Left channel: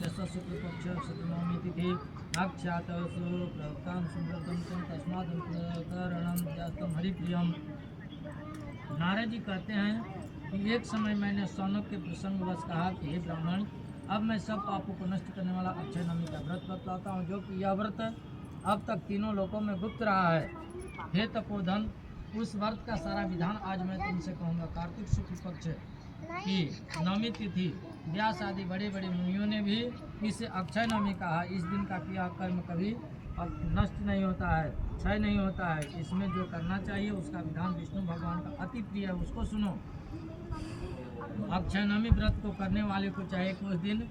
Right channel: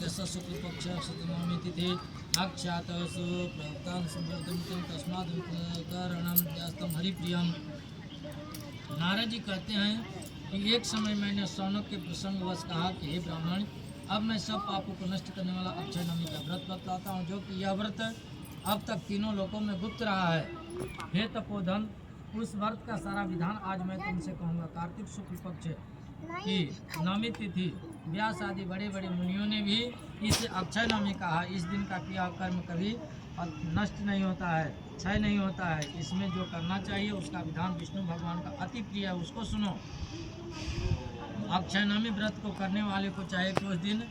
यस्य शुक्लपक्ष शतनवमी तिथि अक्षात सुप्रवक्तान संवर्धन तस्माद कारणम यास्तम हरिप्रियम। नारद जी कहते हैं कि एक समय मैंने शौनक के प्रसंगवश कहा कि हे ब्राह्मण, अब मैं सब पापों को नष्ट करने वाला अक्षय नवमी का व्रत बतलाता हूँ, जो कि यह व्रत अब तक तीनों लोकों में गुप्त रहा है। हे तपोधन, उस व्रत का सारा विधान आज मैं तुमसे कहूँगा। कार्तिक शुक्ल पक्ष की नवमी तिथि व्यास आदि बड़े बड़े मुनियों ने भी इसे अक्षय नवमी कहा। इस दिन का किया कर्म कभी नष्ट नहीं होता है, क्षय नहीं होता है। इसमें जो करना चाहिए उसका विधान विष्णु भगवान का अति प्रिय है, उसको सुनो। अक्षय नवमी व्रत को करने वाले को चाहे कि उस दिन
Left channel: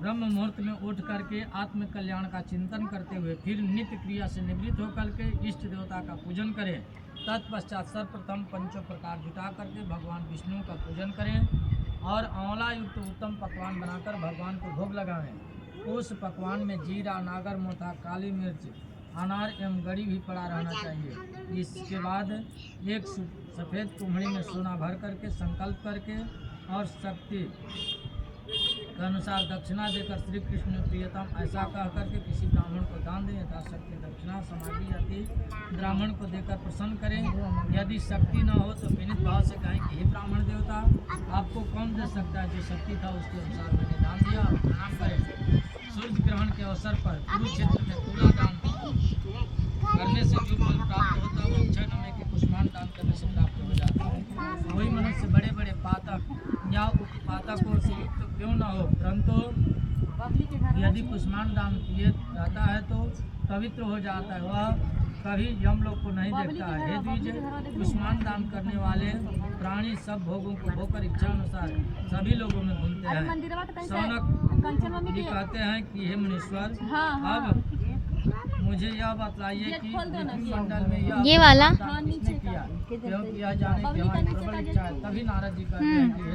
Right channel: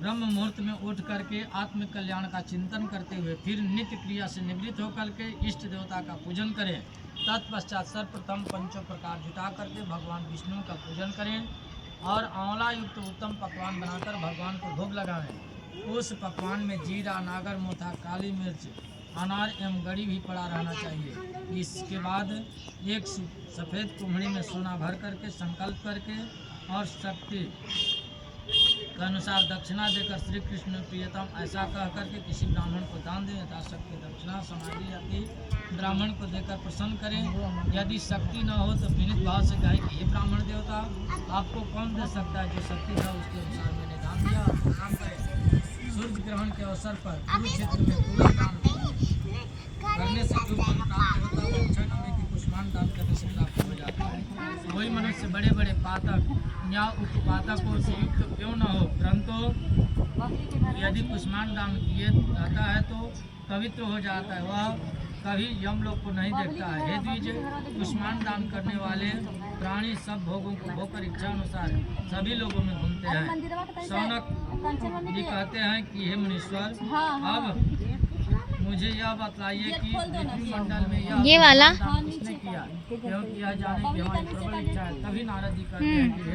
ब्रह्म मुहूर्त में उठ करके आत्म कल्याण का चिंतन करते हुए फिर नित्य क्रिया से निवृत्त होकर के इष्ट देवता का पूजन करें। तत्पश्चात सर्वप्रथम पंचों प्रकार जुटा करके भगवान विष्णु का पूजन करें और आंवला युक्त उत्तम पकवान बनाकर भगवान को भोग लगाएं। उस पकवान में जीरा, नागर मोथा, काली मिर्च, अनार एवं गड़ी भी पड़ा रहना चाहिए। इसके बाद एक सफ़ेद कुम्हड़ी में सोना भर करके संकल्प करके और शक्ति के अनुसार दक्षिणा देकर श्री कृष्ण प्रियतम ऐसा कह करके किसी ब्राह्मण को दान दें। यथाशक्ति दक्षिणा समाधि जाति ब्राह्मण को देकर प्रसन्न करें। यदि शक्ति न हो तो विनीत भाव से कहें कि हे ब्राह्मण देवता, आपको कौन दे सकता है? जो शक्ति था उसके अनुसार मैंने दान दिया, प्रणाम करें। सूर्य ग्रहण के अवसर पर कुरुक्षेत्र में तुला दान करने से जो फल प्राप्त होता है वो अक्षय नवमी के कुष्मांड दान करने से प्राप्त हो जाता है। वही मनुष्य बड़े बड़े पातक या उपपातकों से युक्त क्यों न हो, परंतु यदि कुष्मांड दान किए जाता है तो पवित्र हो जाता है, वह कभी यम लोग को नहीं देखता है। हे द्विज, कुष्मांड दान करने वाले प्राणी सब भोगों को भोकर इच्छा अनुसार सभी लोगों में घूमते हैं। शौनक जी कहते हैं कि हे मुनीश्वर, अब मुझे यह बतलाइए कि मंडल में ये वाला किसने किया, क्योंकि यह जाने की हमारी प्रबल इच्छा है। तभी नारद जी कहते हैं कि हे